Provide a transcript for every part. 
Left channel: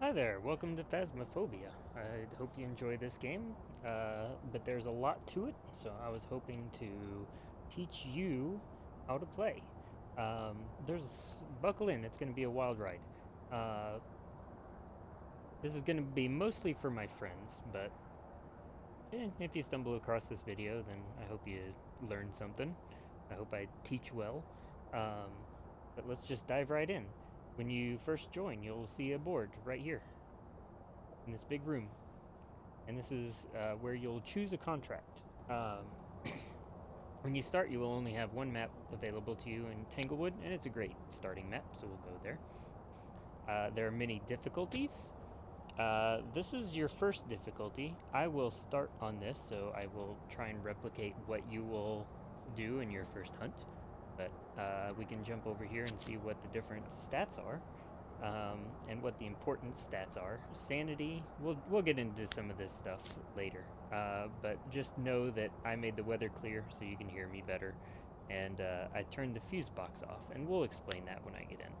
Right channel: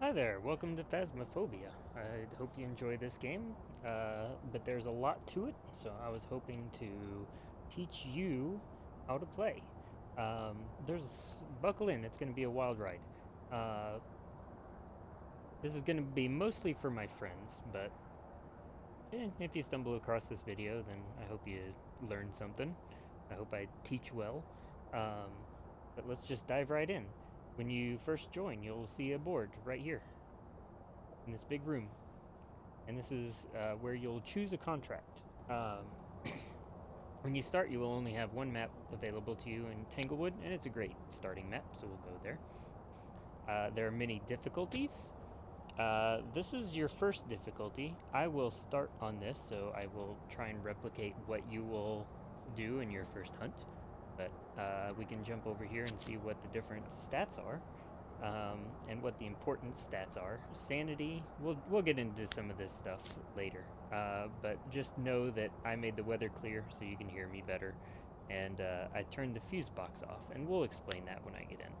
Hi there, welcome to Phasmophobia. I hope you enjoy this game, but there's a lot to it, so I was hoping to teach you how to play. Buckle in, it's going to be a wild ride. Uh, this is going to be mostly for my friends, but if you stumble across this video, then I hope you learn something. I hope I teach well. Um, but let's just dive right in. When you first join, you'll see a board right here in this big room. And this is where you'll choose a contract. When you start, you will only have one map available to you in Tanglewood, and it's a great starting map, so we'll go there. There are many difficulties. This is your first difficulty. I will start on this, so I will try and replicate what you will do in your first hunt. But we can jump over here and see what the different stats are. And what the important stats are. Sanity, we'll get into some of this stuff later. But just know that I made the weather clear so you can hear me better. And I turned the fuse box off, and we'll explain that when I get in.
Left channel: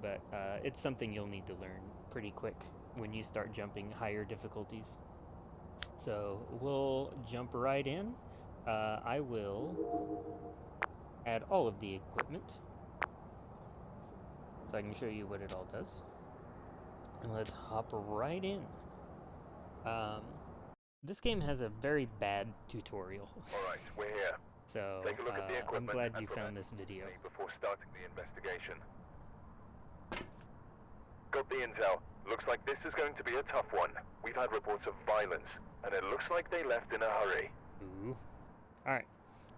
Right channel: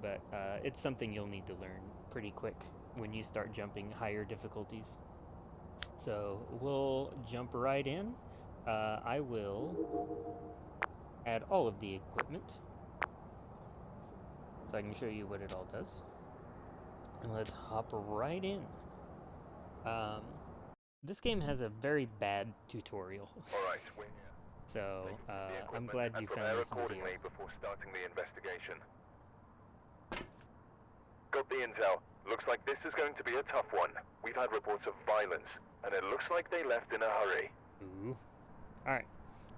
But it's something you'll need to learn pretty quick when you start jumping higher difficulties. So we'll jump right in. I will add all of the equipment so I can show you what it all does. And let's hop right in. Um, this game has a very bad tutorial, Alright, we're here. so Take a look at the I'm equipment glad and you found prepare this video. accordingly before starting the investigation. Got the intel. Looks like this is going to be a tough one. We've had reports of violence, and it looks like they left in a hurry. Ooh. Alright,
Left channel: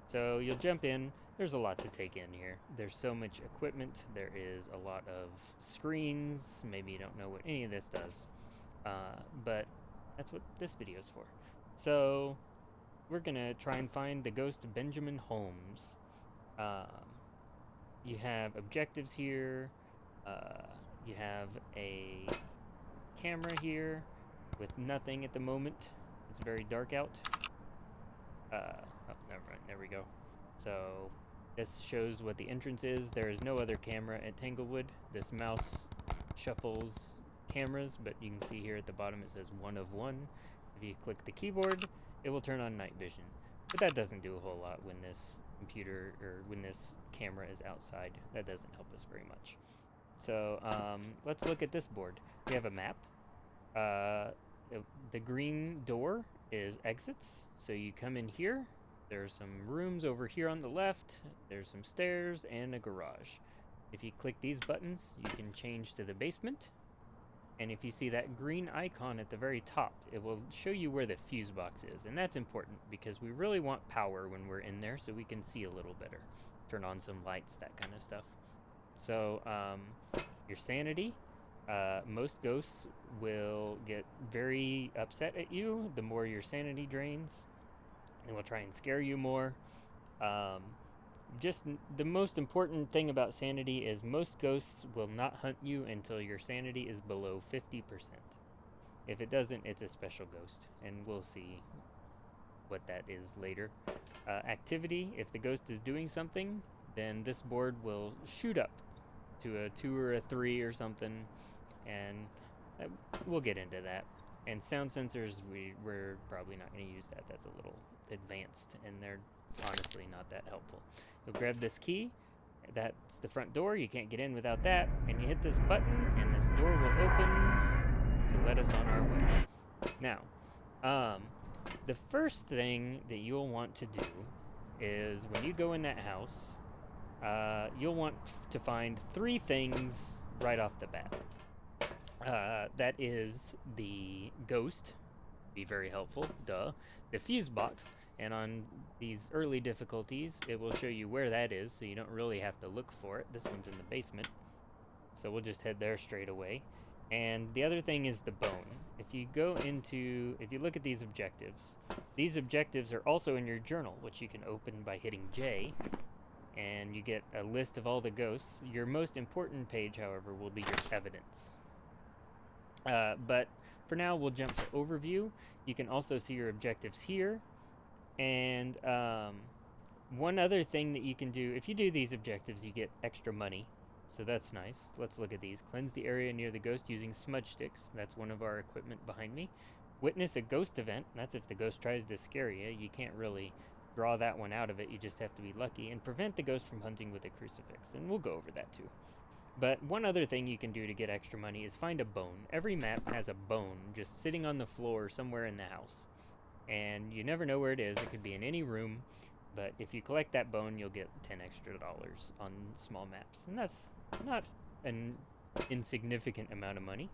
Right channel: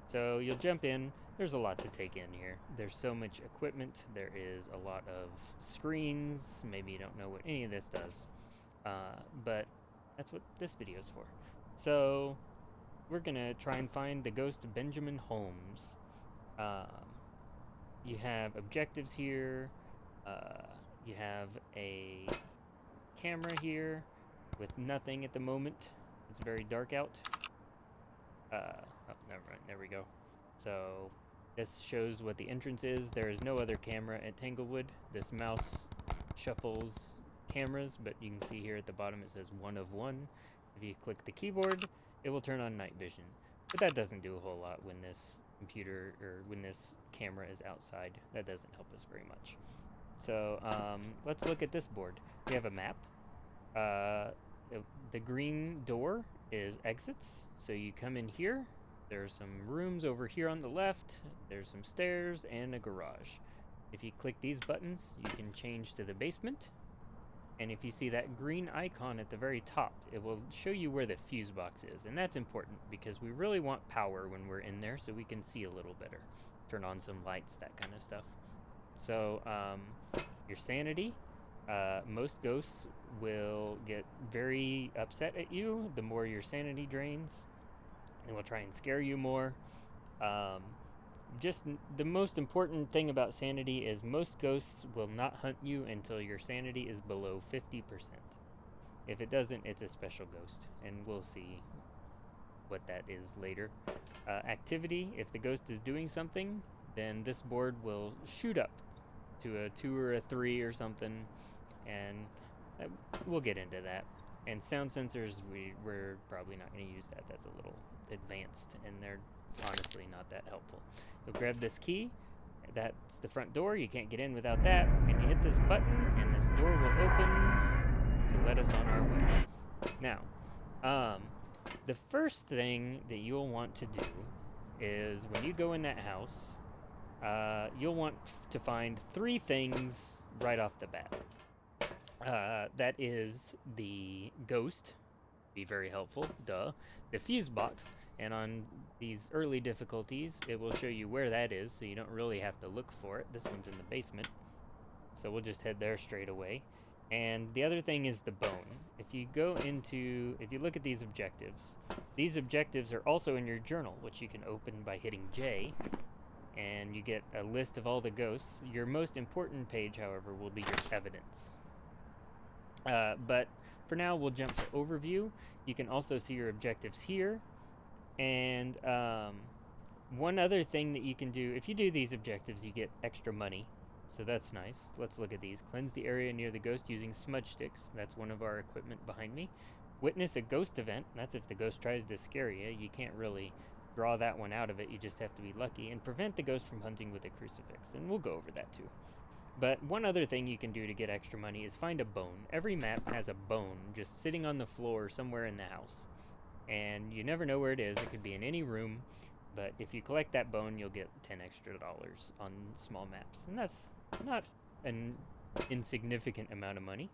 so you'll jump in. There's a lot to take in here. There's so much equipment. There is a lot of screens. Maybe you don't know what any of this does. But that's what this video is for. So we're gonna try and find the ghost of Benjamin Holmes. Um, you have objectives here. You have a camera here with nothing at the moment. It's very dark out. Oh, never mind. There we go. So this shows what the entrance is. There is no other camera at Tanglewood. This mouse shuffles cameras, but you can see here at the bottom it says 1 of 1. If you click the keyboard, it will turn on night vision. But that doesn't do a whole lot when this computer or when this camera is outside. That doesn't help us very much. So let's look at this board. We have a map. Uh, the green door is exits. So you come in here. There's some rooms over here on the left. There's some stairs and a garage. If you click these buttons, you can change to the basement. And if you see that green icon at the very top, it will show you where the fuse box is. And that's important because we really want power when we're in there so we can see a little better. Turn on some lights, that kind of stuff. So your sanity, most ghosts will get very upset at you the more your sanity drains. They will try and scare you more. Um, just the most important thing about sanity is most ghosts will not hunt you until your sanity is below 50%. If it doesn't, it's a special ghost, and we'll see what that is later. Activity, if the ghost is doing something, then this board will shoot up to a 2 or a 3 or something, and we'll get into that. And sound sensors, we're probably not going to use that. That's a little advanced, and they're honestly not that helpful. You'll grab this key. That's the front door. You can't get in without that. And you hit this button, and this door will open to let us on our way. Now, the first thing that you'll want to do is when you go in that house, you'll want to find 3 things right off the bat. That is the ghost, be very helpful, duh. The fuse box, and on these early difficulties, it will show you where that is, so you don't really have to look for it. This one's in the basement, so we'll just head there straight away. And the other thing is the bone. If you look at these objectives are also in your journal, which you can open by hitting J, and you get a list of all the ghosts. Your most important page, however, will be your evidence. But for now, we'll jump to overview. You can also see your objectives here. And one other thing that you can do, if you do these objectives, you get extra money. So that's nice. Let's look at these. Cleanse the area near the ghost using smudge sticks. That's one of our equipment behind me. Witness a ghost event. That's if the ghost tries to scare you. You can't really draw that one out of it. You just have to be lucky. And prevent the ghost from hunting with a crucifix. And we'll go over that too. But one other thing you can do to get extra money is find a bone. Every map has a bone just sitting on the floor somewhere in the house. And you never know where it is. It could be in any room. But if you collect that bone, you'll get $10 extra on small maps. And that's not an insignificant amount of money.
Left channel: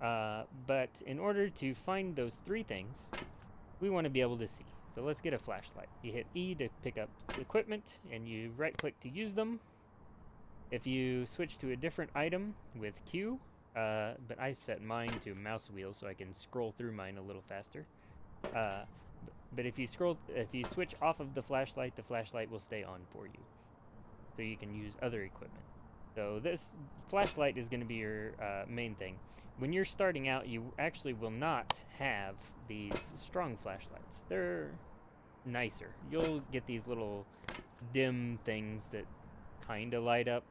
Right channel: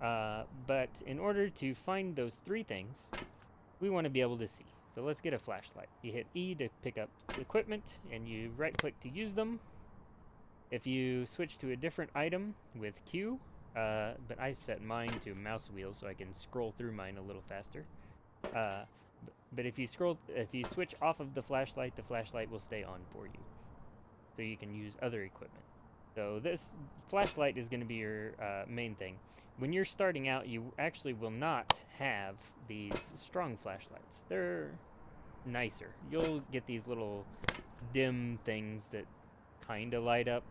But in order to find those three things, we want to be able to see. So let's get a flashlight. You hit E to pick up equipment, and you right-click to use them. If you switch to a different item with Q, but I set mine to mouse wheel so I can scroll through mine a little faster. But if you switch off of the flashlight will stay on for you. So you can use other equipment. So this flashlight is going to be your main thing. When you're starting out, you actually will not have these strong flashlights. They're nicer. You'll get these little dim things that kind of light up.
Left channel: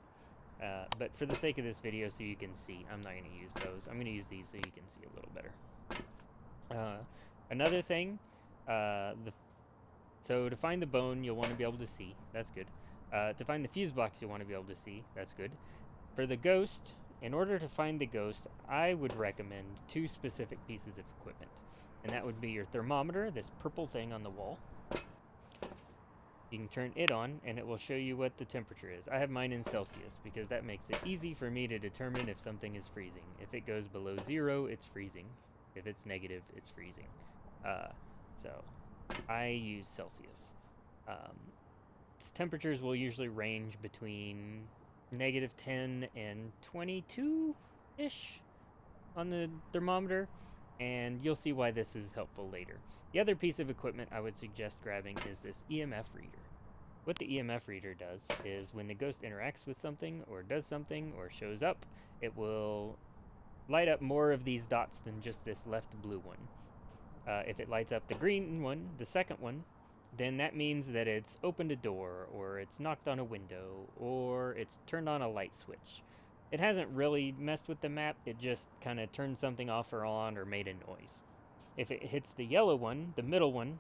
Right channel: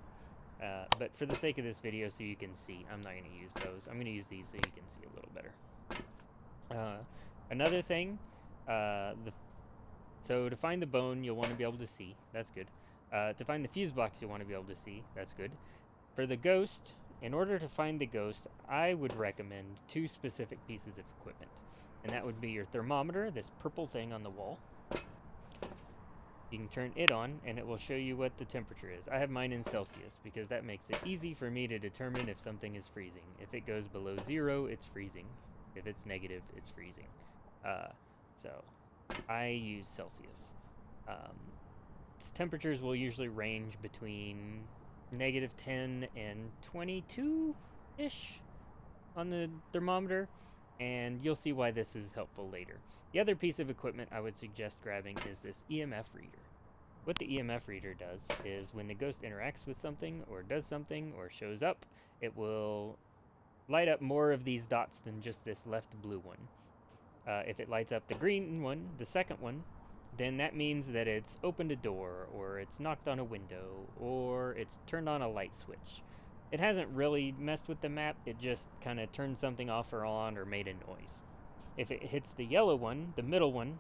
But for the sake of this video, so you can see, I'm not going to use those. I'm going to use these so you can see a little better. Another thing, so to find the bone, you'll want to be able to see. That's good. To find the fuse box, you'll want to be able to see. That's good. For the ghost, in order to find the ghost, I would recommend two specific pieces of equipment. And that would be your thermometer, this purple thing on the wall. You can turn it on, and it will show you what the temperature is. I have mine in Celsius, because that makes it easy for me to determine if something is freezing. If it goes below 0, it's freezing. If it's negative, it's freezing. So I use Celsius. Temperatures will usually range between -10 and 22-ish on the thermometer, and you'll see why this is helpful later. The other piece of equipment I would suggest grabbing is this EMF reader. What the EMF reader does is when the ghost interacts with something or does something or shows up, it will light up more of these dots than just this left blue one. If it lights up the green one, the second one, then that means that it's opened a door, or it's knocked on a window, or it's turned on a light switch. It hasn't really messed with the map, it just kind of turned something off or on or made a noise. If it hits the yellow one, the middle one,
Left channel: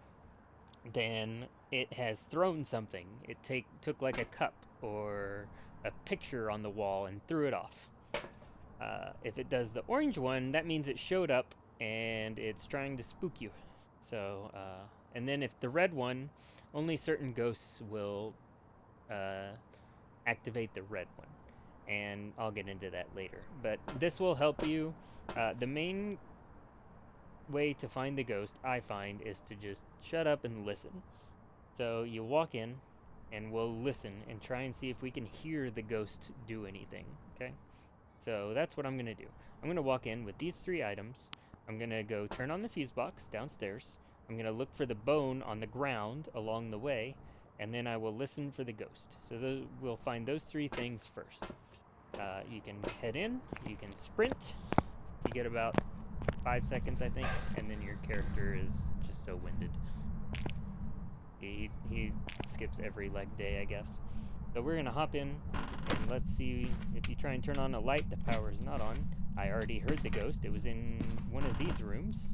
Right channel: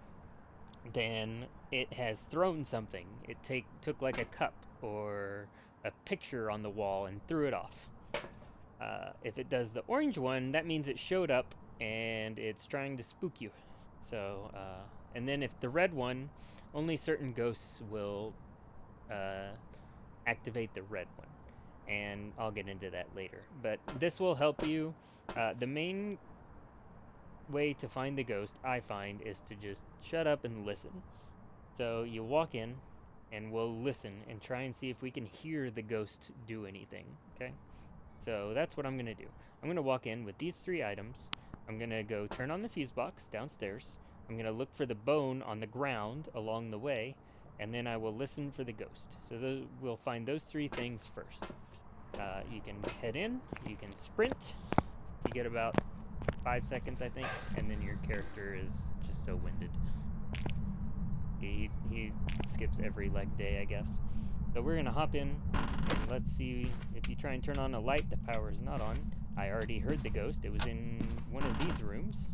then it has thrown something. It took like a cup or a picture on the wall and threw it off. If it does the orange one, that means it showed up and it's trying to spook you. So, and then if the red one, only certain ghosts will activate the red one. And I'll get into that later. But this will help you. The main way to find the ghost, I find, is to just shut up and listen. So you walk in, and we'll listen and try and see if we can hear the ghost do anything, okay? So that's what I'm going to do. I'm going to walk in with these three items. I'm going to go turn on the fuse box downstairs. I'm going to look for the bone on the ground along the way, and then I will listen for the ghost. So we'll find those three things first. You can head in, you can sprint, you get about 5 seconds, I think, and then your character is just so winded. He skips every leg day, I guess. So we're gonna hop in, and let's see. If you try and turn on a light, the power is not on. I already heard the ghost. It was in one of these rooms.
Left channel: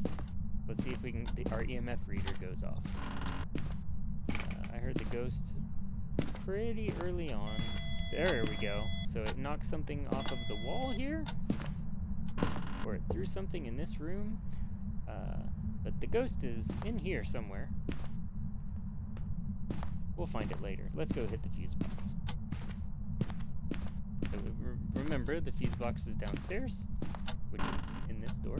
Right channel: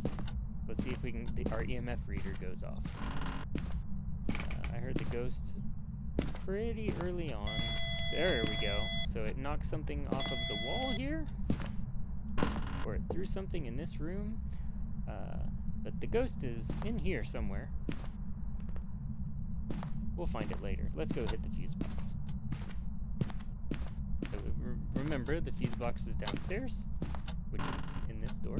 Let's see if we can. Our EMF reader goes off. I heard the ghost pretty early on. There we go. So it knocked something off of the wall here, or it threw something in this room. But the ghost is in here somewhere. We'll find it later. Let's go hit the fuse box. So remember, the fuse box was downstairs, which is in this door.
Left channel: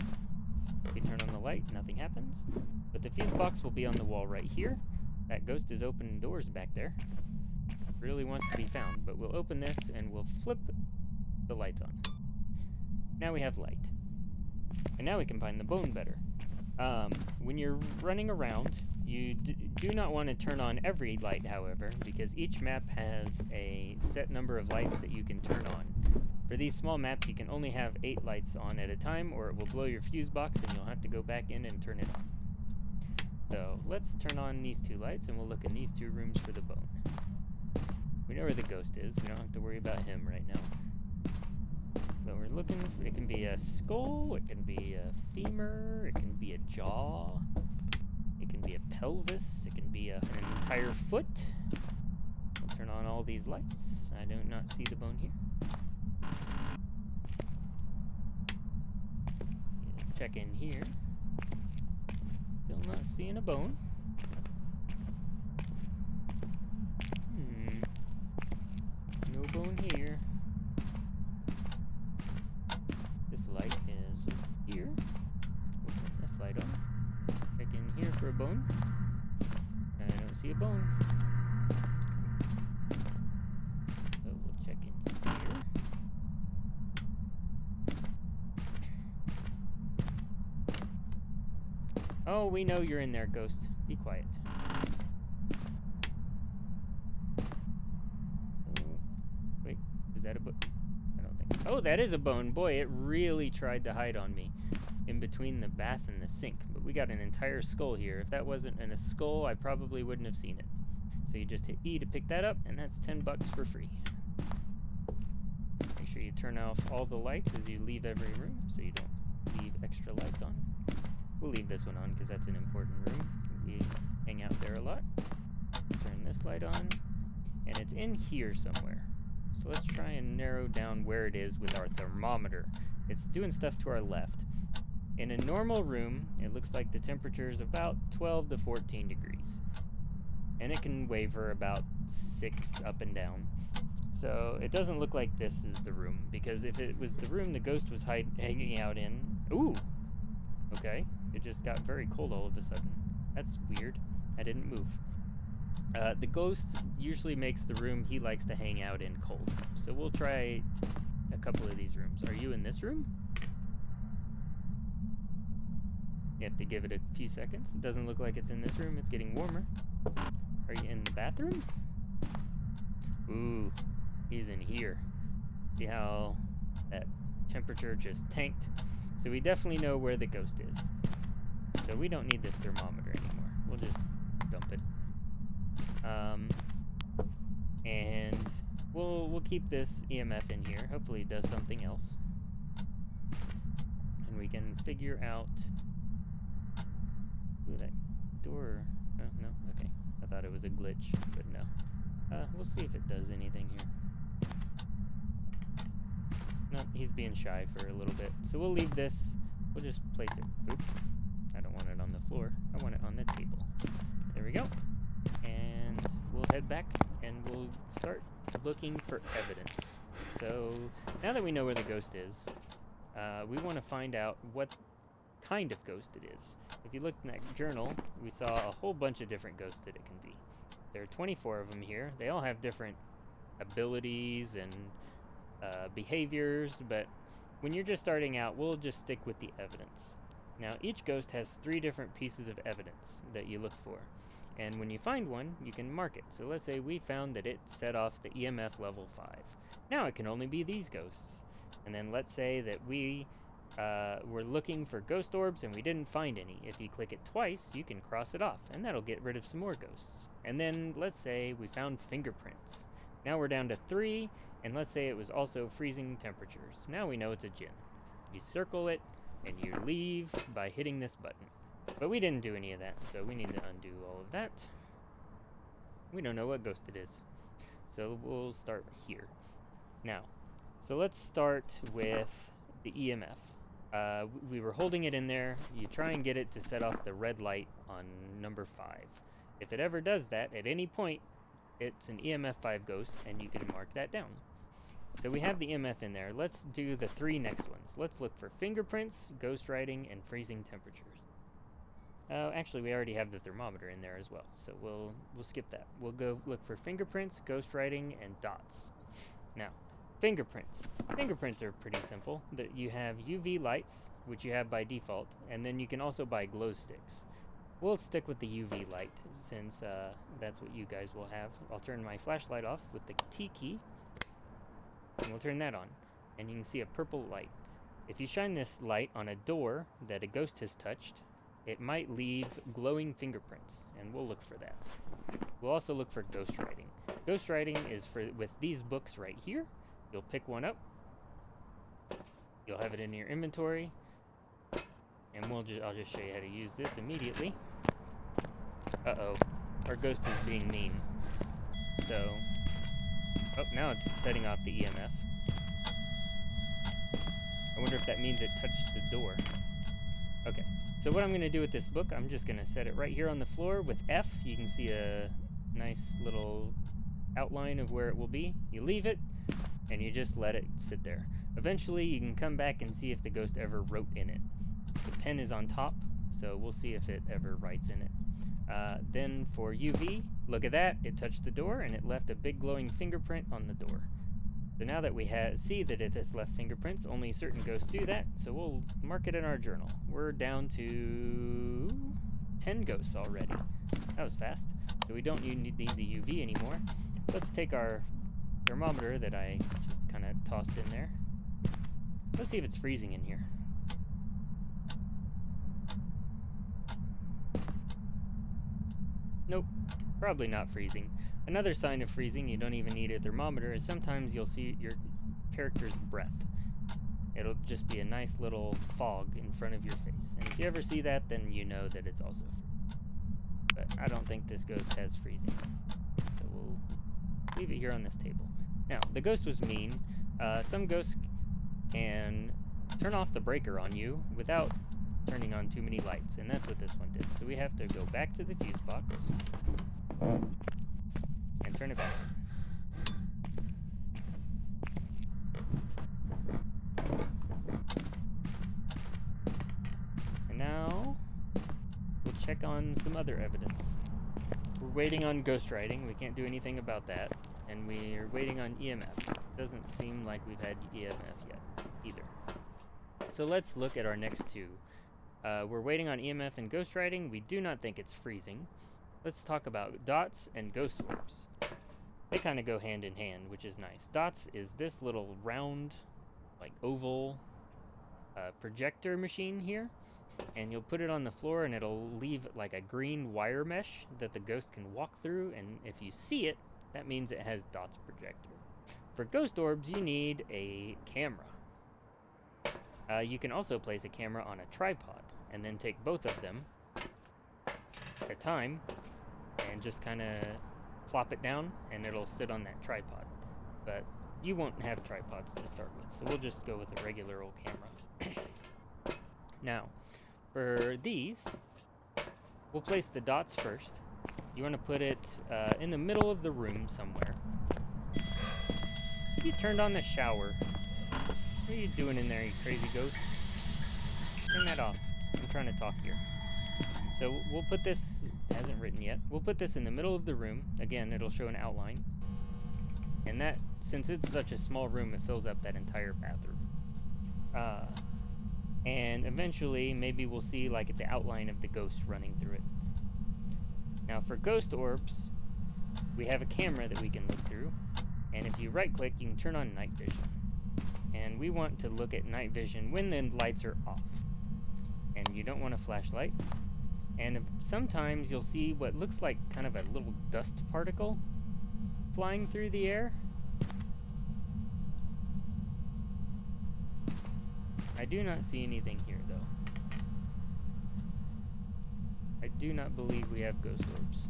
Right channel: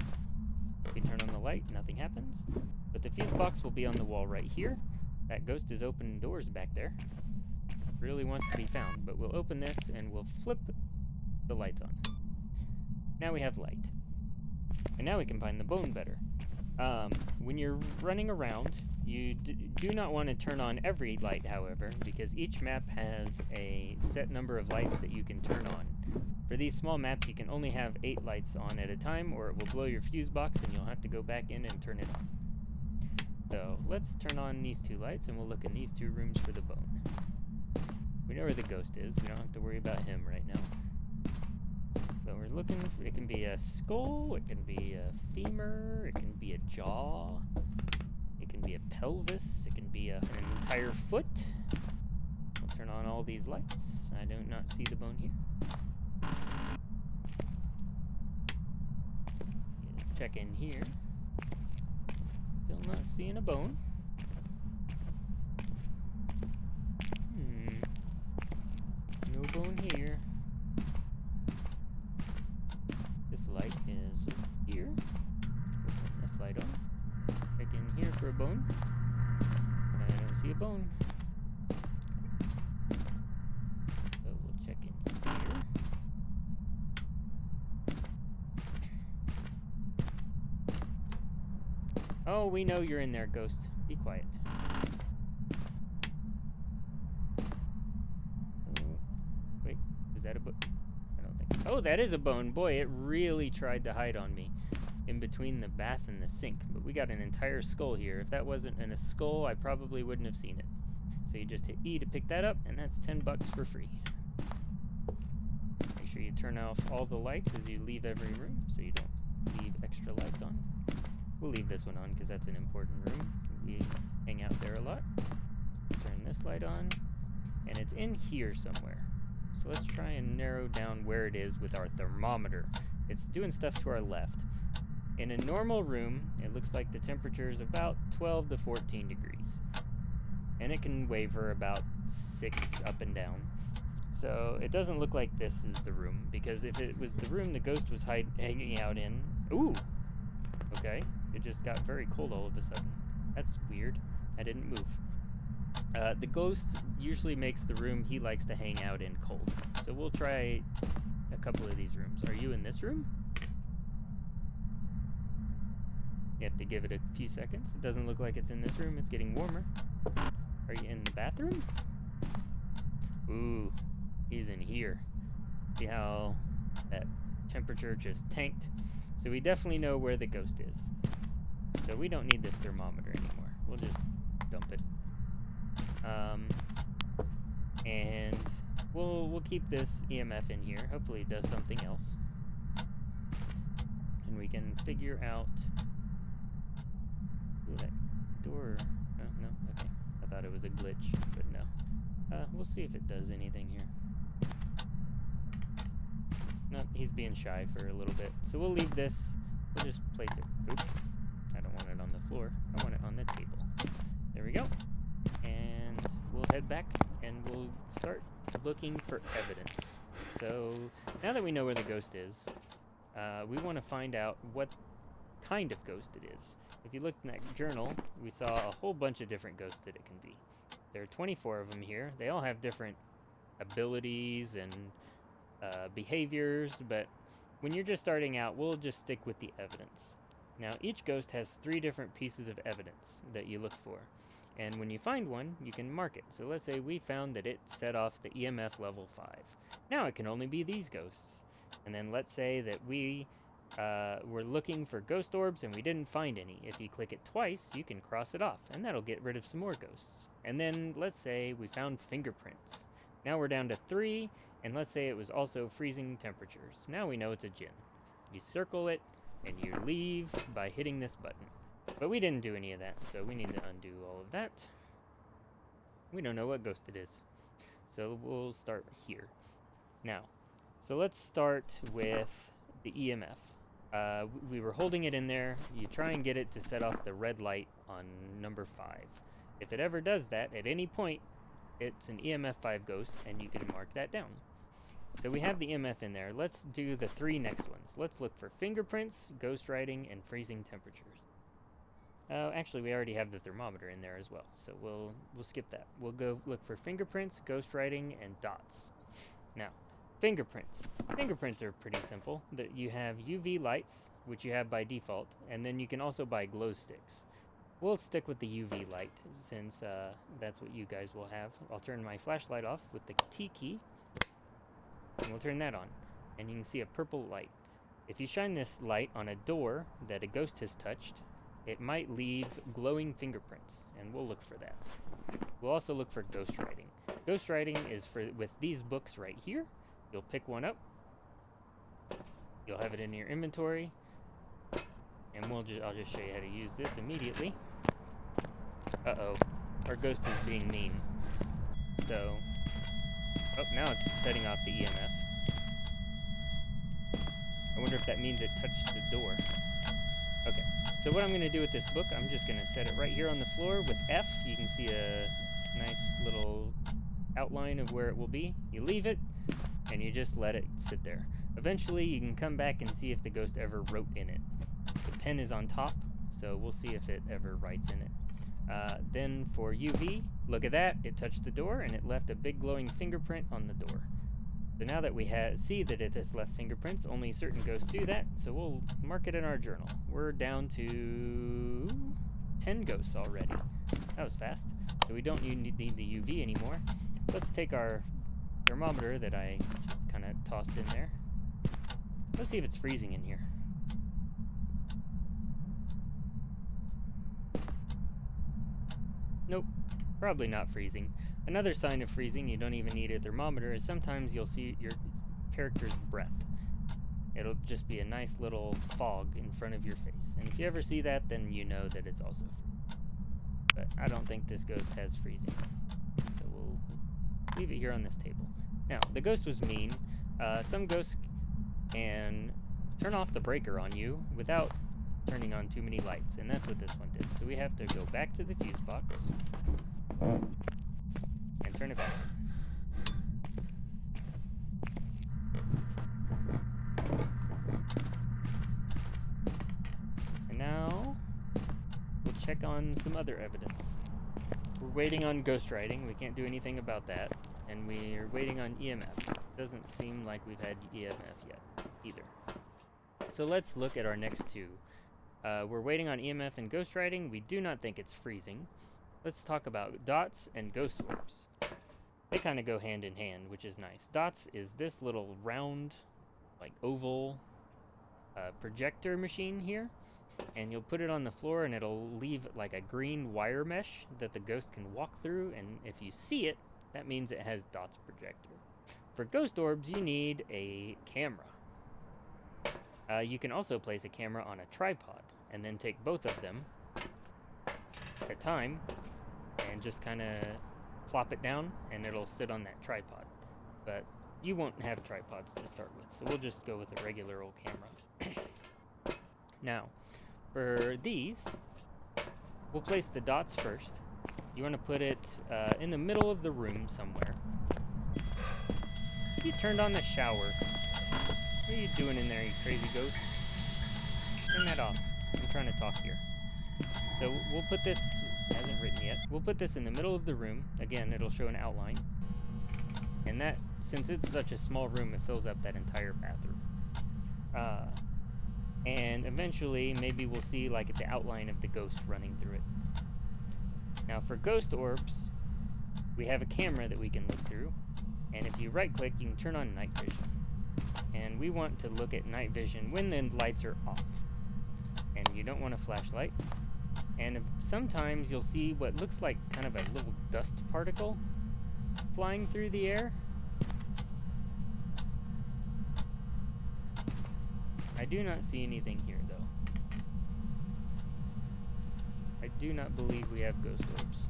We turn on the light, nothing happens. But the fuse box will be on the wall right here. That ghost is opening doors back there. Really wants to be found, but we'll open this and we'll flip the lights on. Now we have light. And now we can find the bone better. When you're running around, you do not want to turn on every light, however, because each map has a set number of lights that you can turn on. For these small maps, you can only have 8 lights on at a time, or it will blow your fuse box and you'll have to go back in and turn it on. So let's turn on these 2 lights and we'll look in these 2 rooms for the bone. We know where the ghost is. We don't have to worry about him right now. But we're looking for, it can be a skull, it can be a femur, it can be a jaw, it can be a pelvis, it can be an entire foot. We'll turn on all these lights. I do not see the bone here. Check in here. Still not seeing a bone. No bone here. This light is here. We'll turn this light on. Check in here for a bone. I don't see a bone. So we'll check in here. Oh, we know you're in there, ghost. Be quiet. Oh, wait, is that a bone? I don't think. Oh, that is a bone. Boy, it really tried to hide on me in between the bath and the sink. But we got an entire skull here. If that wasn't in a skull, I probably wouldn't have seen it. So you just hit E to pick that up, and that's $10 for free. Make sure you turn off all the lights as you leave every room so you don't leave extra lights on. We'll leave this one on because that's an important room. We hang out there a lot. Turn this light on, and it's in here somewhere. So let's try and narrow down where it is with our thermometer. It's doing stuff to our left. In a normal room, it looks like the temperature is about 12 to 14 degrees. And it can waver about 6 up and down. So it doesn't look like this is the room, because if it was the room the ghost was hanging out in... Ooh! Okay, it just got very cold all of a sudden. That's weird. I didn't move. The ghost usually makes the room he likes to hang out in cold. So we'll try a couple of these rooms. Are you in this room? You have to give it a few seconds. It doesn't look like it's in this room. It's getting warmer. Are you in the bathroom? Ooh, he's in here. See how that temperature just tanked? So we definitely know where the ghost is. So we don't need this thermometer anymore. We'll just dump it. And we'll keep this EMF in here. Hopefully it does something else. And we can figure out... Ooh, that door... Oh, no, okay. I thought it was a glitch, but no. We'll see if it does anything here. No, he's being shy for a little bit. So we'll leave this. We'll just place it. Oop. I don't want it on the floor. I want it on the table. There we go. And we'll head back and we'll start looking for evidence. So now that we know where the ghost is, we want to find out what kind of ghost it is. If you look in that journal, we saw a whole bunch of different ghosts that it can be. There are 24 of them here. They all have different abilities and behaviors, but when you're just starting out, we'll just stick with the evidence. Now, each ghost has 3 different pieces of evidence that you look for, and when you find one, you can mark it. So let's say we found that it set off the EMF level 5. Now it can only be these ghosts. And then let's say that we were looking for ghost orbs and we didn't find any. If you click it twice, you can cross it off, and that'll get rid of some more ghosts. And then let's say we found fingerprints. Now we're down to 3, and let's say it was also freezing temperatures. Now we know it's a djinn. You circle it, and you leave by hitting this button. But we didn't do any of that, so we need to undo all of that. We don't know what ghost it is. So we'll start here. Now, so let's start with the EMF. We were holding it in there. You try and get it to set off the red light on number 5. If it ever does that, at any point, it's an EMF 5 ghost, and you can mark that down. So we have the EMF in there. Let's do the 3 next ones. Let's look for fingerprints, ghost writing, and freezing temperatures. Actually, we already have the thermometer in there as well, so we'll skip that. We'll go look for fingerprints, ghost writing, and dots. Now, fingerprints. Fingerprints are pretty simple. You have UV lights, which you have by default, and then you can also buy glow sticks. We'll stick with the UV light since that's what you guys will have. I'll turn my flashlight off with the T key, and we'll turn that on, and you can see a purple light. If you shine this light on a door that a ghost has touched, it might leave glowing fingerprints, and we'll look for that. We'll also look for ghostwriting. Ghostwriting is with these books right here. You'll pick one up. You'll have it in your inventory. And I'll just show you how to use this immediately. Uh-oh. Our ghost is being mean. So... Oh, now it's setting off the EMF. I wonder if that means it touched the door. Okay, so what I'm going to do with this book, I'm just going to set it right here on the floor with F. You can see a nice little outline of where it will be. You leave it, and you just let it sit there. Eventually, you can come back and see if the ghost ever wrote in it. The pen is on top, so we'll see if it ever writes in it. Then for UV, look at that. It touched the door, and it left a big glowing fingerprint on the door. So now that we see that it has left fingerprints, only certain ghosts do that, so we'll mark it in our journal. We're down to 10 ghosts already. That was fast. So we don't need the UV anymore. Let's take our thermometer that I just kind of tossed in there. Let's see if it's freezing in here. Nope, probably not freezing. Another sign of freezing, you don't even need a thermometer, is sometimes you'll see your character's breath. It'll just be a nice little fog in front of your face. And if you ever see that, then you know that it's also freezing. But I don't think this ghost has freezing. So we'll leave it here on this table. Now, the ghost was mean. Some ghosts can turn off the breaker on you without turning on too many lights, and that's what this one did. So we have to go back to the fuse box and turn it back on. And now we'll check on some other evidence. We're waiting on ghostwriting. We can't do anything about that. And we're waiting on EMF. Doesn't seem like we've had EMF yet either. So let's look at our next two. We're waiting on EMF and ghostwriting. We do not think it's freezing. Let's talk about dots and ghost orbs. They kind of go hand in hand, which is nice. Dots is this little round, like oval projector machine here. And you'll put it on the floor and it'll leave like a green wire mesh that the ghost can walk through. And if you see it, that means it has dots projector. For ghost orbs, you need a camera. You can also place a camera on a tripod and then take both of them at a time and just kind of plop it down and it'll sit on that tripod. But you won't have tripods to start with, so we'll just go with a regular old camera. Now, for these, we'll place the dots first. You want to put it in the middle of the room somewhere. You turned on the shower. What are you doing in there, you crazy ghost? Turn that off. I'm trying to talk here. So we'll put this, it hasn't written yet, we'll put this in the middle of the room. Again, it'll show an outline. And that, since it's such a small room, it fills up that entire bathroom. And eventually, maybe we'll see like the outline of the ghost running through it. Now for ghost orbs, we have a camera that we can look through. And if you right click, you can turn on night vision. And we want to look at night vision when the lights are off. And you don't want a flashlight. And sometimes you'll see what looks like kind of a little dust particle flying through the air. I do not see anything here, though. I do not believe we have ghost orbs.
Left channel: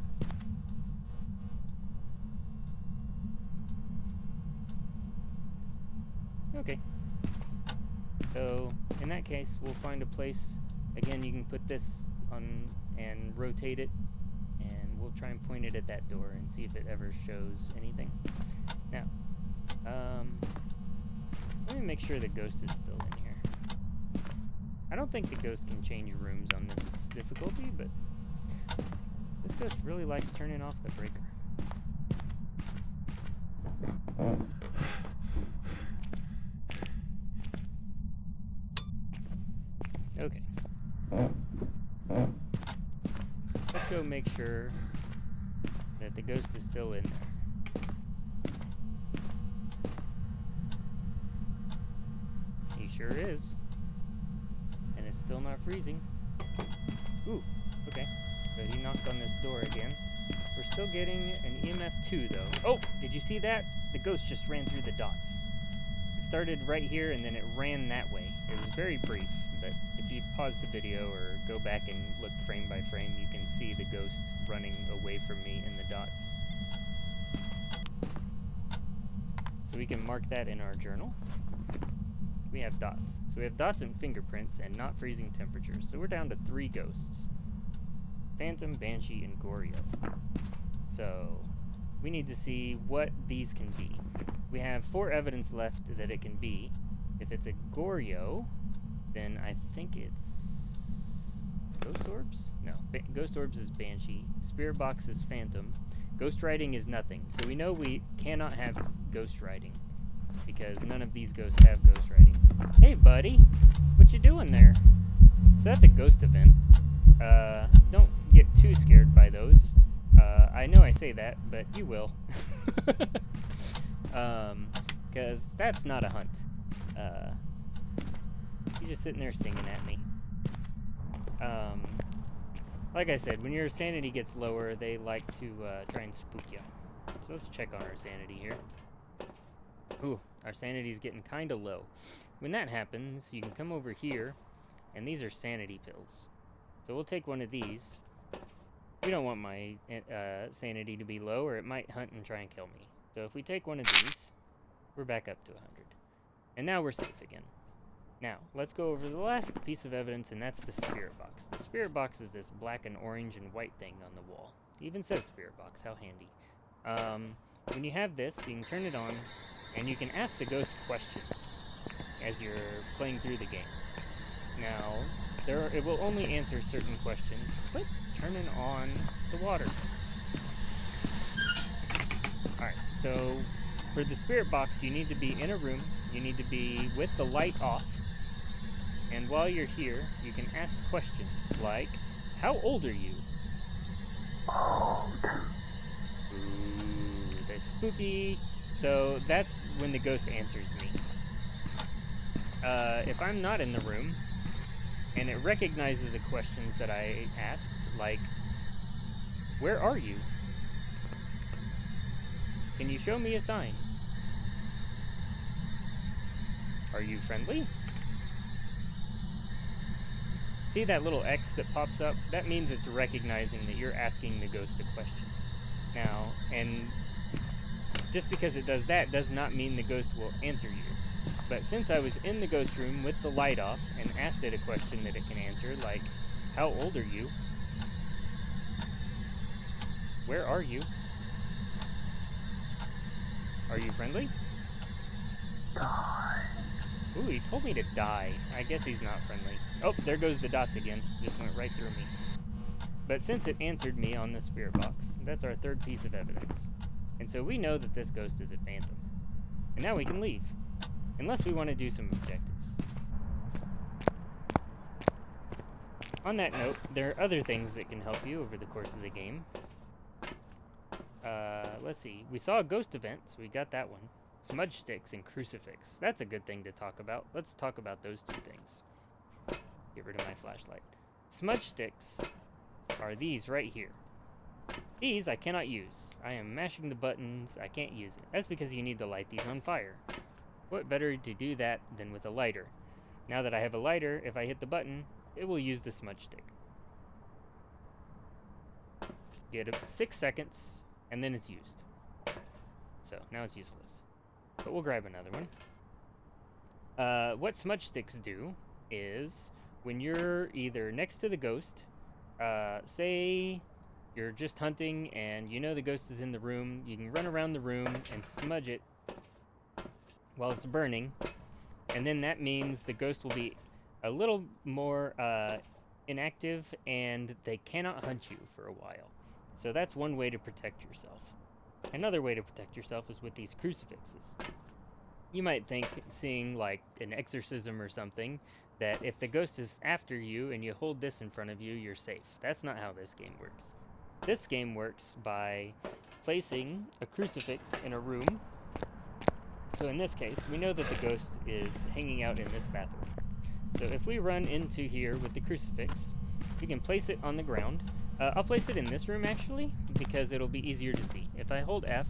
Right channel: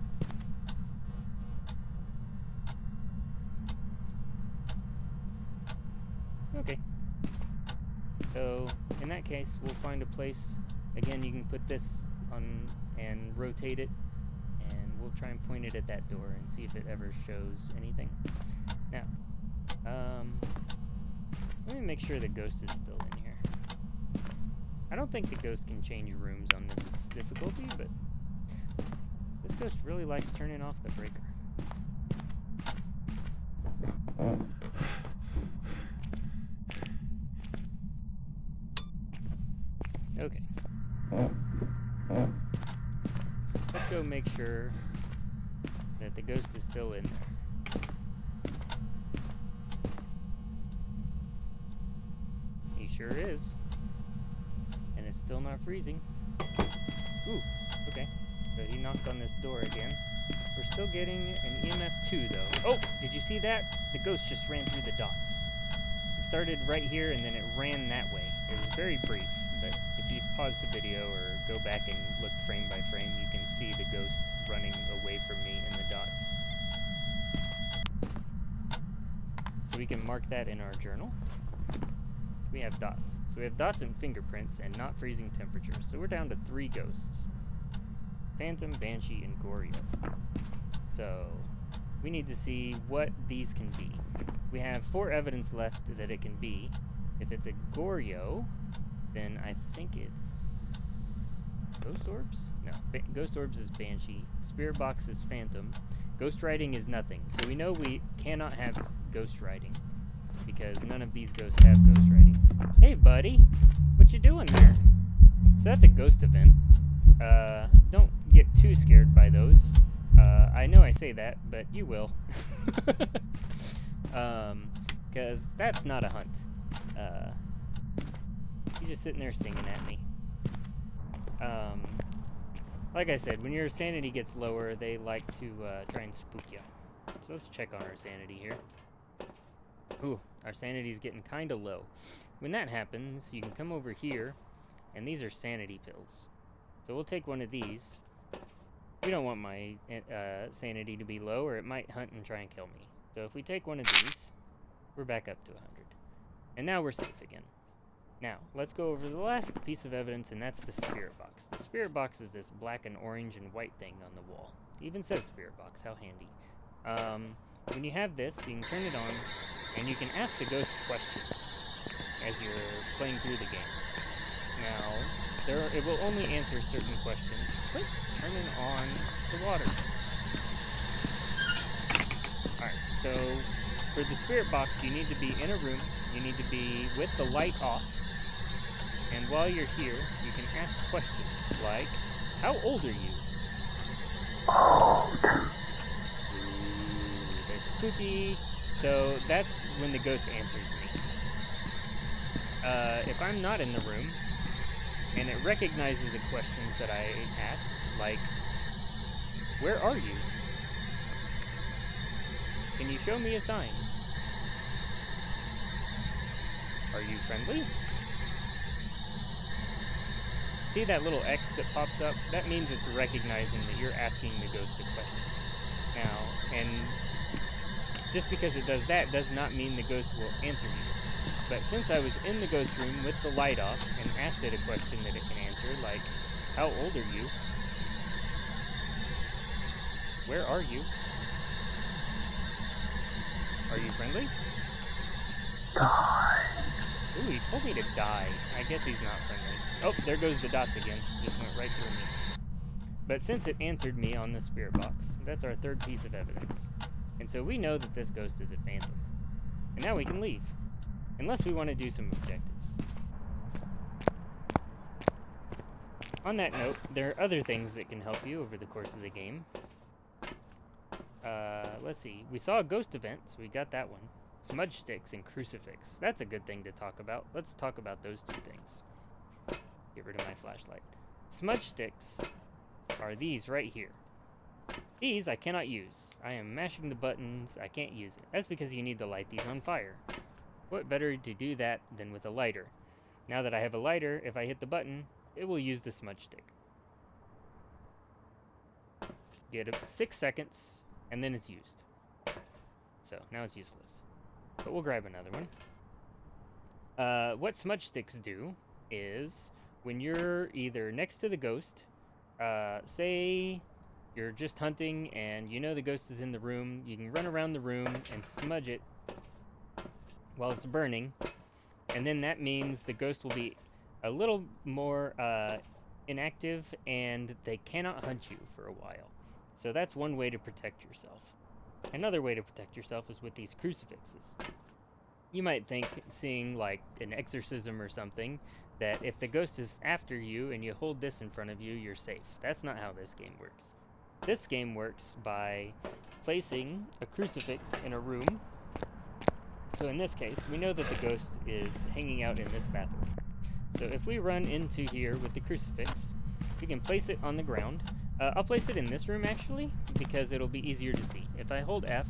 Okay. So, in that case, we'll find a place. Again, you can put this on and rotate it, and we'll try and point it at that door and see if it ever shows anything. Now, let me make sure the ghost is still in here. I don't think the ghost can change rooms on this difficulty, but this ghost really likes turning off the breaker. Okay. Let's go make sure that the ghost is still in there. He sure is. And it's still not freezing. Ooh, okay. So he knocked on this door again. We're still getting an EMF 2, though. Oh, did you see that? The ghost just ran through the dots. It started right here, and then it ran that way. It was very brief, but if you pause the video or go back and look frame by frame, you can see the ghost running away from me in the dots. So we can mark that in our journal. We have dots. So we have dots and fingerprints and not freezing temperatures. So we're down to 3 ghosts. Phantom, Banshee, and Goryo. So we need to see what these can be. We have 4 evidence left that it can be. If it's a Goryo, then I think it's Ghost Orbs? No, Ghost Orbs is Banshee. Spirit Box is Phantom. Ghost Riding is nothing. So we know we cannot have Ghost Riding because none of these ghosts have Ghost Riding. Hey buddy, what you doing there? So that's a ghost event. Don't get too scared by those. I know I say that, but you will. Because that's not a hunt. You're just sitting there singing at me. Like I said, when your sanity gets lower, they like to try and spook you. So let's check on our sanity here. Ooh, our sanity's getting kind of low. When that happens, you can come over here, and these are sanity pills. So we'll take one of these. We don't want my sanity to be low, or it might hunt and try and kill me. So if we take one of these, we're back up to 100. And now we're safe again. Now, let's go over the last piece of evidence, and that's the spirit box. The spirit box is this black and orange and white thing on the wall. It even says spirit box, how handy. When you have this, you can turn it on, and you can ask the ghost questions as you're playing through the game. Now, it will only answer certain questions. Quit turning on the water. Alright, so for the spirit box, you need to be in a room. You need to be with the light off. And while you're here, you can ask questions like, how old are you? Ooh, they're spooky. So that's when the ghost answers me. If I'm not in the room, and it recognizes the questions that I asked, like, where are you? Can you show me a sign? Are you friendly? See that little X that pops up? That means it's recognizing that you're asking the ghost a question. Now, and just because it does that does not mean the ghost will answer you. But since I was in the ghost room with the light off and asked it a question that it can answer, like, how old are you? Where are you? Are you friendly? Die. Ooh, he told me to die. I guess he's not friendly. Oh, there goes the dots again. Just went right through me. But since it answered me on the spirit box, that's our 3rd piece of evidence. And so we know that this ghost is a phantom. And now we can leave. Unless we want to do some objectives. On that note, there are other things that can help you over the course of the game. Let's see. We saw a ghost event, so we got that one. Smudge sticks and crucifix. That's a good thing to talk about. Let's talk about those 2 things. Get rid of my flashlight. Smudge sticks are these right here. These I cannot use. I am mashing the buttons. I can't use it. That's because you need to light these on fire. What better to do that than with a lighter? Now that I have a lighter, if I hit the button, it will use the smudge stick. Get 6 seconds, and then it's used. So, now it's useless. But we'll grab another one. What smudge sticks do is, when you're either next to the ghost, say you're just hunting and you know the ghost is in the room, you can run around the room and smudge it while it's burning, and then that means the ghost will be a little more inactive and they cannot hunt you for a while. So that's one way to protect yourself. Another way to protect yourself is with these crucifixes. You might think, seeing like an exorcism or something, that if the ghost is after you and you hold this in front of you, you're safe. That's not how this game works. This game works by placing a crucifix in a room. So in this case, we know that the ghost is hanging out in this bathroom. So if we run into here with the crucifix, we can place it on the ground. I'll place it in this room actually, because it'll be easier to see. If I hold F,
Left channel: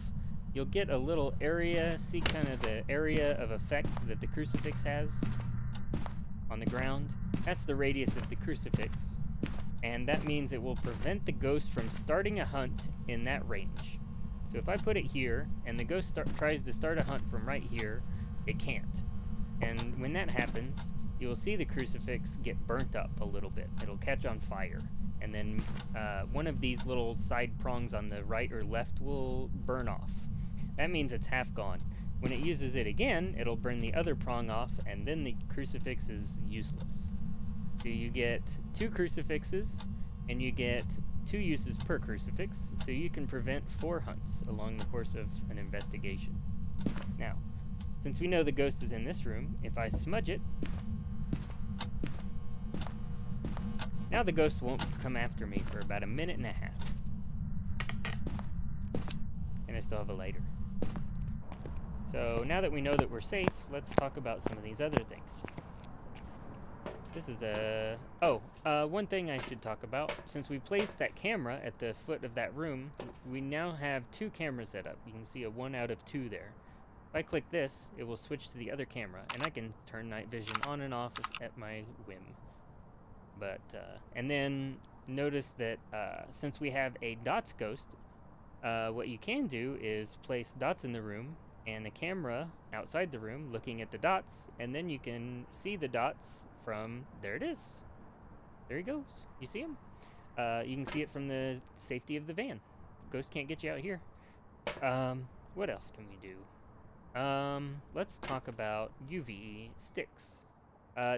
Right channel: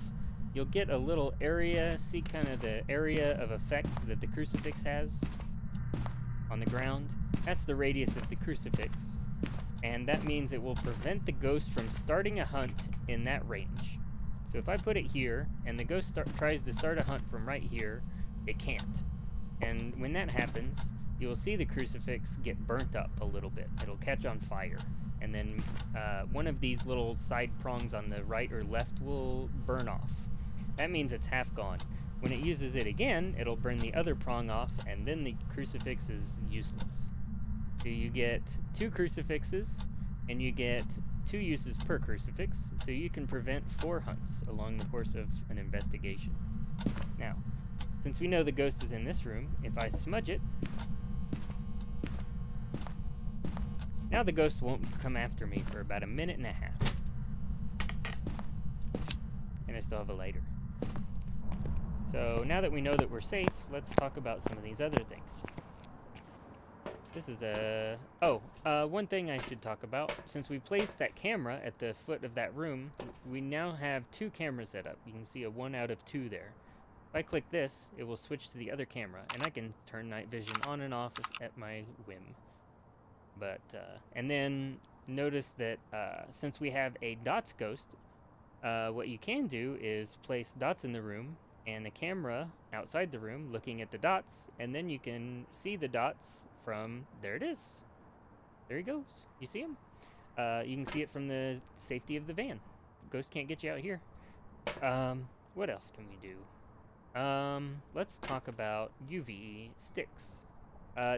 you'll get a little area, see kind of the area of effect that the crucifix has on the ground. That's the radius of the crucifix, and that means it will prevent the ghost from starting a hunt in that range. So if I put it here, and the ghost tries to start a hunt from right here, it can't. And when that happens, you'll see the crucifix get burnt up a little bit. It'll catch on fire. And then one of these little side prongs on the right or left will burn off. That means it's half gone. When it uses it again, it'll burn the other prong off, and then the crucifix is useless. So you get 2 crucifixes, and you get 2 uses per crucifix, so you can prevent 4 hunts along the course of an investigation. Now, since we know the ghost is in this room, if I smudge it, now the ghost won't come after me for about 1.5 minutes. And I still have a lighter. So now that we know that we're safe, let's talk about some of these other things. This is one thing I should talk about. Since we placed that camera at the foot of that room, we now have 2 cameras set up. You can see a 1 out of 2 there. If I click this, it will switch to the other camera, and I can turn night vision on and off at my whim. But, and then notice that since we have a dots ghost, what you can do is place dots in the room and a camera outside the room looking at the dots, and then you can see the dots from, there it is. There he goes. You see him? You can see it from the safety of the van. Ghost can't get you out here. What else can we do? Let's talk about UV sticks.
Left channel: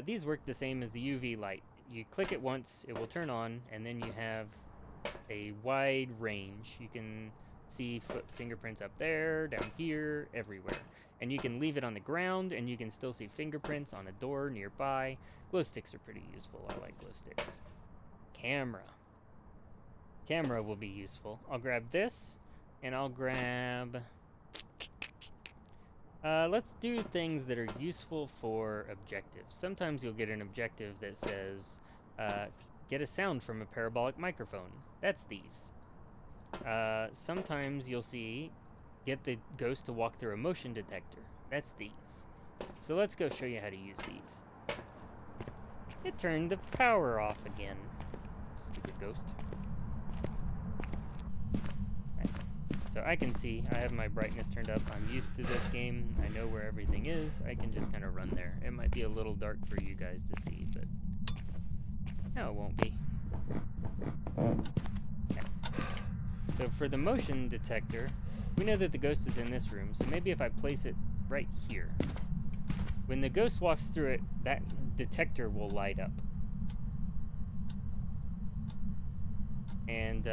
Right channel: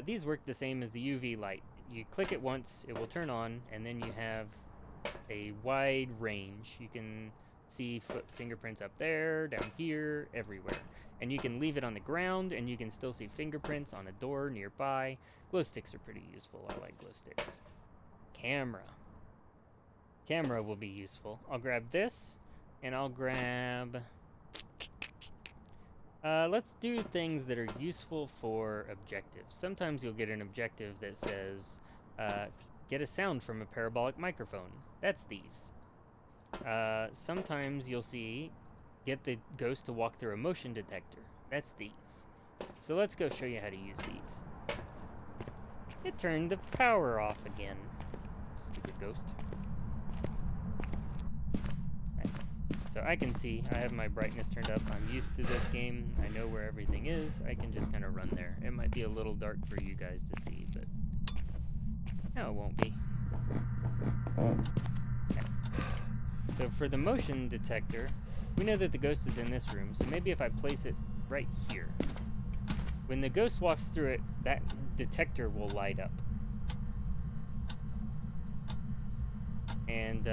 These work the same as the UV light. You click it once, it will turn on, and then you have a wide range. You can see fingerprints up there, down here, everywhere. And you can leave it on the ground, and you can still see fingerprints on a door nearby. Glow sticks are pretty useful. I like glow sticks. Camera. Camera will be useful. I'll grab this, and I'll grab... let's do things that are useful for objectives. Sometimes you'll get an objective that says, get a sound from a parabolic microphone. That's these. Sometimes you'll see, get the ghost to walk through a motion detector. That's these. So let's go show you how to use these. It turned the power off again. Stupid ghost. So I can see, I have my brightness turned up. I'm used to this game. I know where everything is. I can just kind of run there. It might be a little dark for you guys to see, but no, it won't be. Okay. So for the motion detector, we know that the ghost is in this room, so maybe if I place it right here, when the ghost walks through it, that detector will light up. And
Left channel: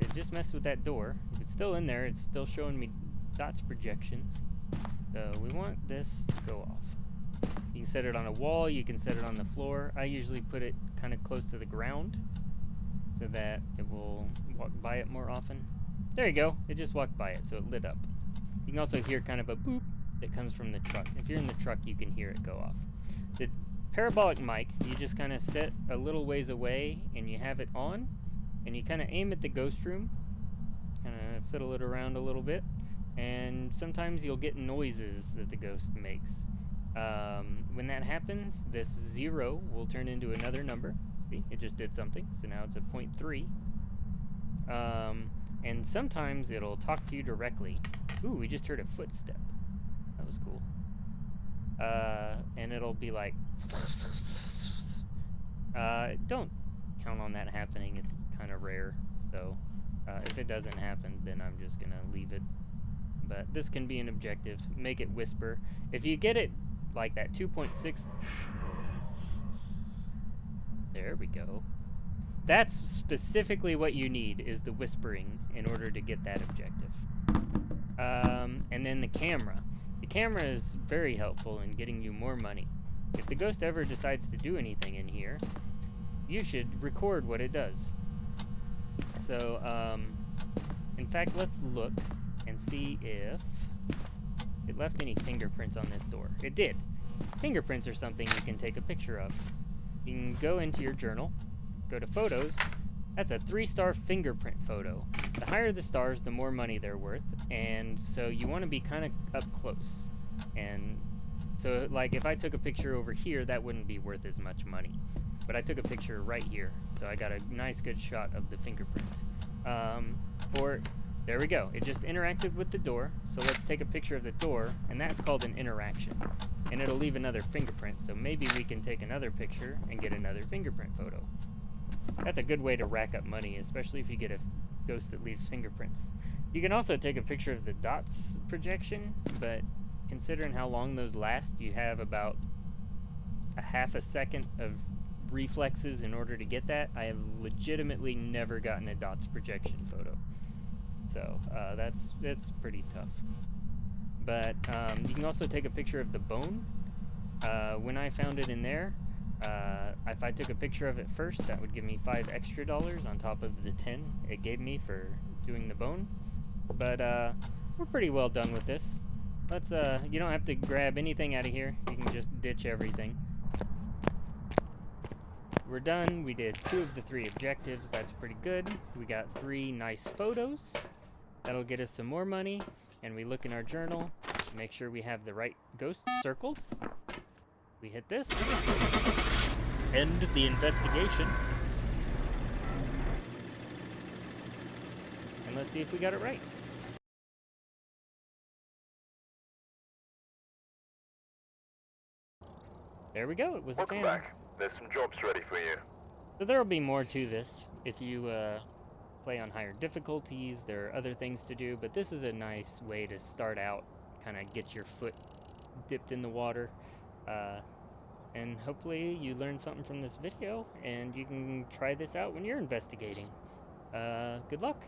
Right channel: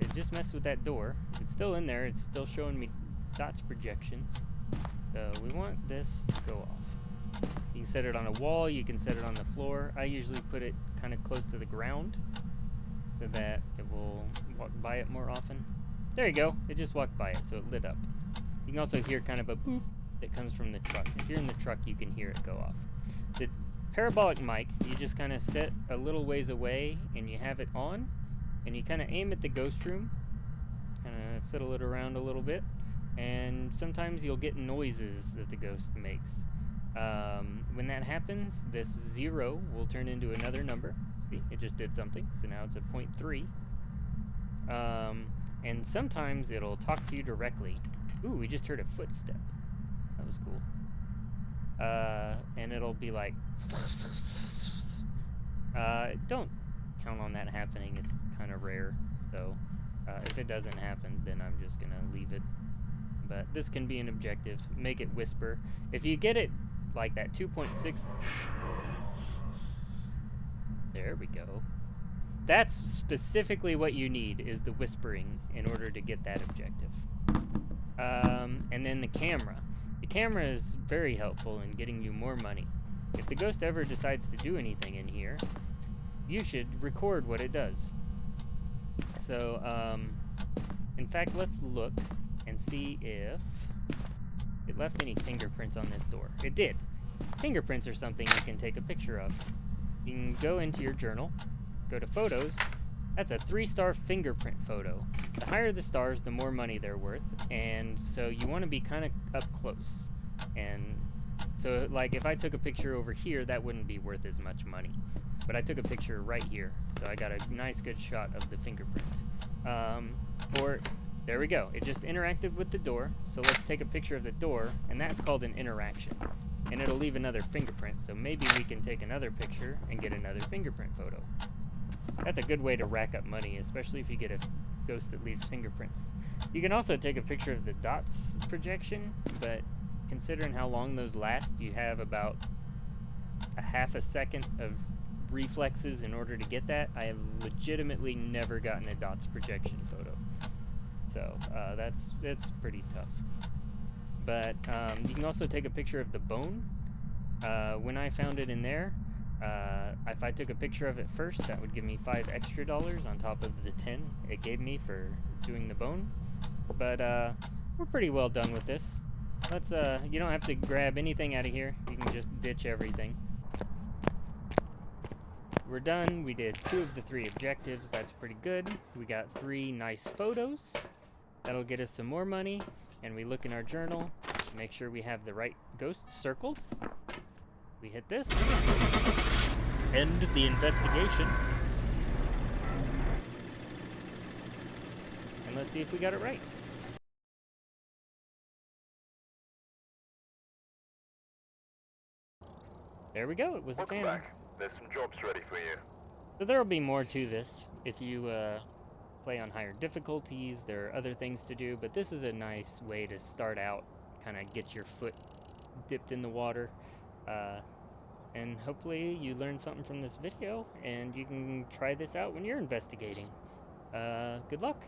it just messed with that door. If it's still in there, it's still showing me dots projections. So we want this to go off. You can set it on a wall, you can set it on the floor. I usually put it kind of close to the ground so that it will walk by it more often. There you go, it just walked by it, so it lit up. You can also hear kind of a boop that comes from the truck. If you're in the truck, you can hear it go off. The parabolic mic, you just kind of set a little ways away and you have it on, and you kind of aim at the ghost room, kind of fiddle it around a little bit, and sometimes you'll get noises that the ghost makes. When that happens, this 0 will turn into another number. See, it just did something, so now it's a 0.3. And sometimes it'll talk to you directly. Ooh, we just heard a footstep. That was cool. And it'll be like... don't count on that happening. It's kind of rare. So if it doesn't happen, then I'm just going to leave it. But this can be an objective. Make it whisper. If you get it like that 2.6... There we go. That's specifically what you need, is the whispering in order to get that objective. And then the camera. The camera is very helpful in getting you more money. If the ghost ever decides to do anything in here, you should record what it does. So, in fact, let's look and see if it left any fingerprints on this door. It did. Fingerprints are something you can take a picture of. You can go into your journal, go to photos. That's a 3-star fingerprint photo. The higher the stars, the more money they're worth, and so you want to be kind of up close. And so, like, if I took a picture over here, that wouldn't be worth as much money. But I took a picture right here, so I got a nice good shot of the fingerprint. Or, there we go. It just interacted with the door, so let's take a picture of the door, and that's called an interaction. And it'll leave another fingerprint, so maybe we can take another picture and get another fingerprint photo. That's a good way to rack up money, especially if you get a ghost that leaves fingerprints. You can also take a picture of the dots projection, but considering how long those last, you have about a half a second of reflexes in order to get that. I have legitimately never gotten a dots projection photo. So that's pretty tough. But you can also take a picture of the bone. When I found it in there, if I took a picture of it first, that would give me $5 extra on top of the 10 it gave me for doing the bone. But we're pretty well done with this. Let's you don't have to grab anything out of here. You can just ditch everything. We're done. We did 2 of the 3 objectives. That's pretty good. We got 3 nice photos. That'll get us some more money. And we look in our journal to make sure we have the right ghosts circled. We hit this. End the investigation. And let's see if we got it right. There we go. It was a Welcome family. back. There's some jobs ready for you. So there will be more to this if you play on higher difficulties. There are other things to do, but this is a nice way to start out, kind of get your foot dipped in the water. And hopefully you learned something from this video, and you can try this out when you're investigating. Good luck!